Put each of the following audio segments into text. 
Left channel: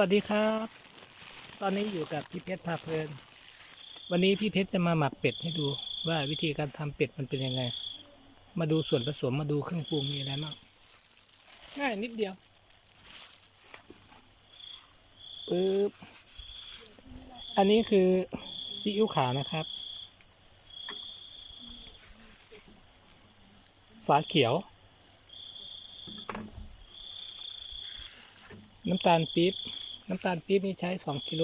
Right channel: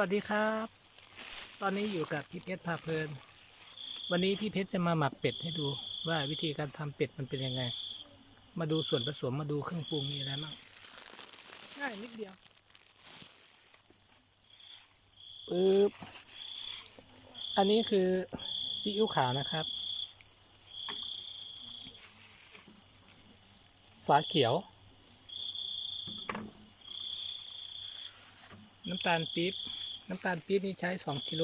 วัสดีครับ ตอนนี้อยู่กับพี่เพชรพาเพลิน วันนี้พี่เพชรจะมาหมักเป็ดให้ดูว่าวิธีการทำเป็ดมันเป็นยังไง มาดูส่วนผสมมาดูเครื่องปรุงมีอะไรบ้างง่ายนิดเดียวปึ๊บอันนี้คือซีอิ๊วขาวนะครับ ฝาเขียว น้ำตาลปี๊บ น้ำตาลปี๊บนี่ใช้สองกิโล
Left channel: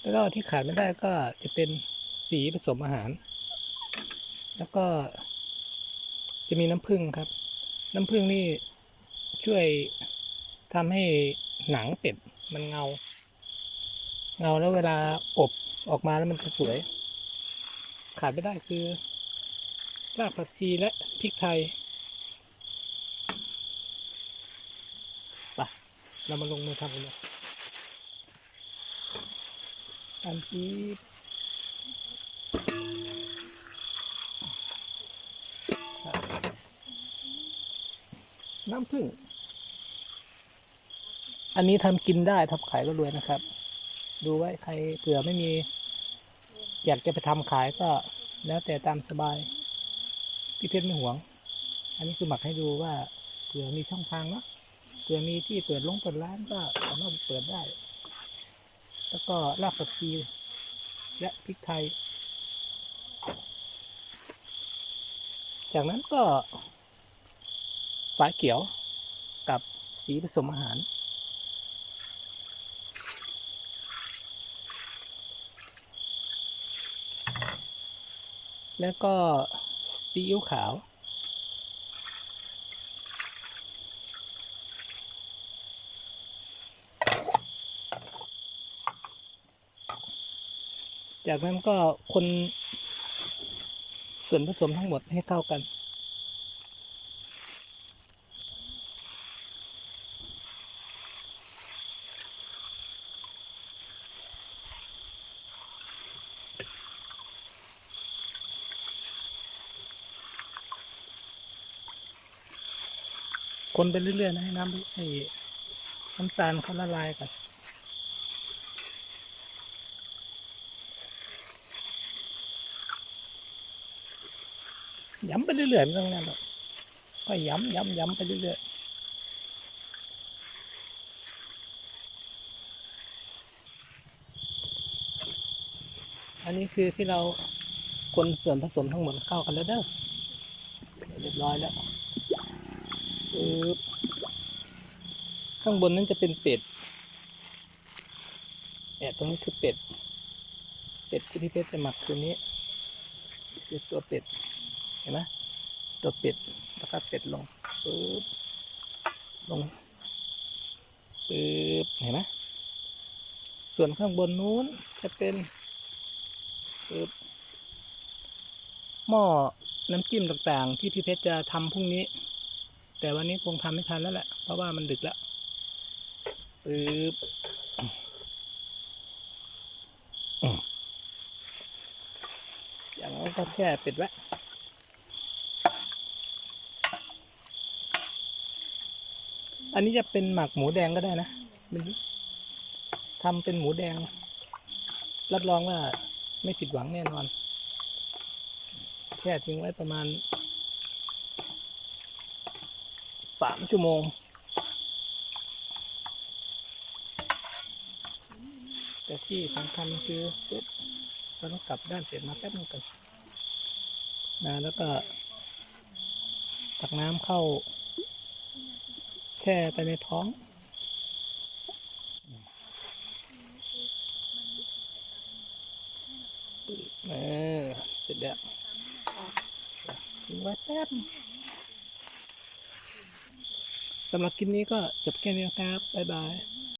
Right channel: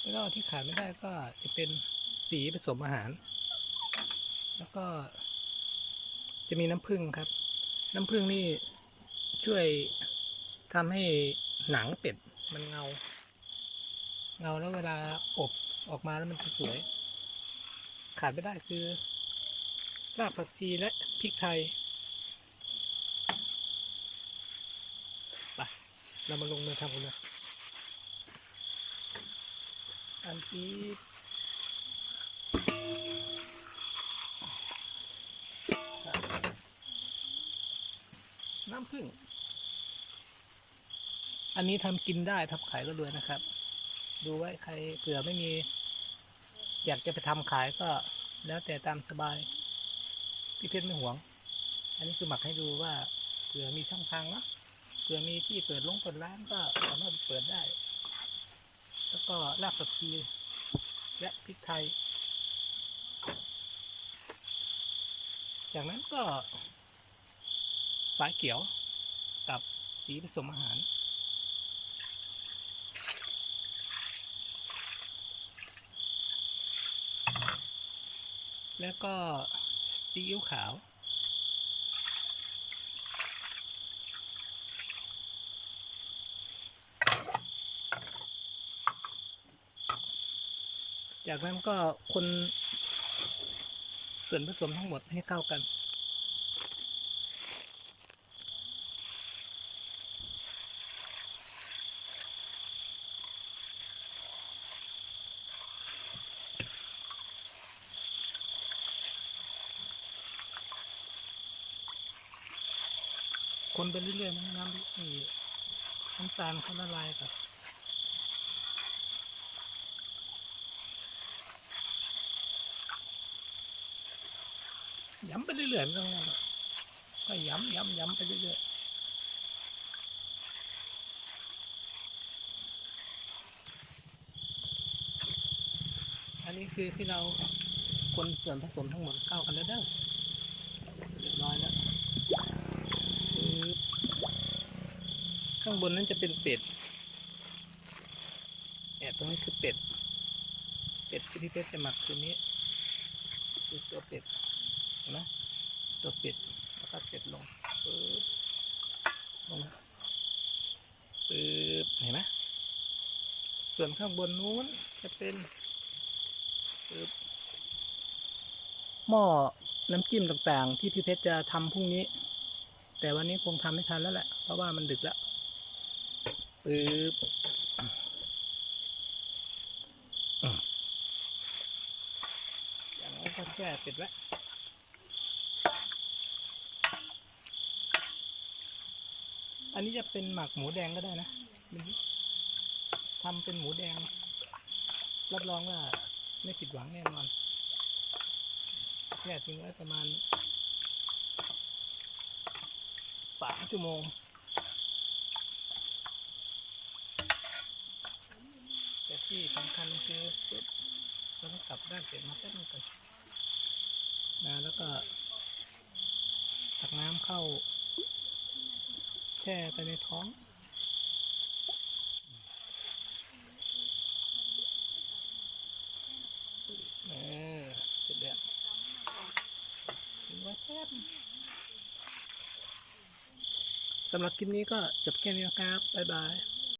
แล้วก็ที่ขาดไม่ได้ก็จะเป็นสีผสมอาหาร แล้วก็จะมีน้ำผึ้งครับ น้ำผึ้งนี่ช่วยทำให้หนังเป็ดมันเงา เงาแล้วเวลาอบออกมาแล้วมันจะสวย ขาดไม่ได้คือรากผักชีและพริกไทย เรามาลงมือทำกันเลยอันที่น้ำผึ้ง อันนี้ทำกินได้ทำขายก็รวยนะครับ ดูไว้ใครเผื่อไม่มี อยากจะไปทำขายก็แล้วแต่ตามสบาย พี่เพชรไม่หวง อันนี้คือหมักให้ดูว่าเผื่อมีช่องทางเนาะ ผื่อมีที่เปิดลงเปิดร้านก็สามารถเปิดได้ แล้วก็รากผักชีและพริกไทย จากนั้นก็ฝาเขียวกับสีผสมอาหาร แล้วก็ซีอิ๊วขาว จากนั้นก็คนส่วนผสมทั้งหมดให้เข้ากัน คนไปเรื่อยๆนะให้น้ำให้น้ำตาลเขาละลายก่อน ย้ำไปเรื่อยๆไม่ต้องนั่นหรอกก็ย้ำย้ำย้ำไปเรื่อยๆ อันนี้คือที่เราคนส่วนผสมทั้งหมดเข้ากันแล้วเด้อเรียบร้อยแล้วข้างบนนั้นจะเป็นเป็ดแอบตรงนี้คือเป็ด เป็ดที่พี่เพชรจะหมักตัวนี้คือตัวเป็ด ห็นไหมตัวเป็ดแล้วก็เป็ดลงปึ๊บลงปึ๊บเห็นไหมส่วนข้างบนนู้นจะเป็นปึ๊บหม้อน้ำจิ้มต่างๆ ที่พี่เพชรจะทำพรุ่งนี้ แต่วันนี้คงทำไม่ทันแล้วแหละ เพราะว่ามันดึกแล้วปึ๊บอืมอย่างนั้นก็แค่ป็ดไว้ อันนี้จะเป็นหมักหมูแดงก็ได้นะมันทำเป็นหมูแดง รับรองว่าไม่ผิดหวังแน่นอน แช่ทิ้งไว้ประมาณสามชั่วโมง แต่ที่สำคัญคือปุ๊บเราต้องกลับด้านเสร็จมาแป๊บนึงก่อนนะแล้วก็ตักน้ำเข้า ช่ไปในท้อง เออเสร็จแล้วทิ้งไว้แป๊บสำหรับคลิปนี้ก็จบแค่นี้นะครับ บ๊ายบาย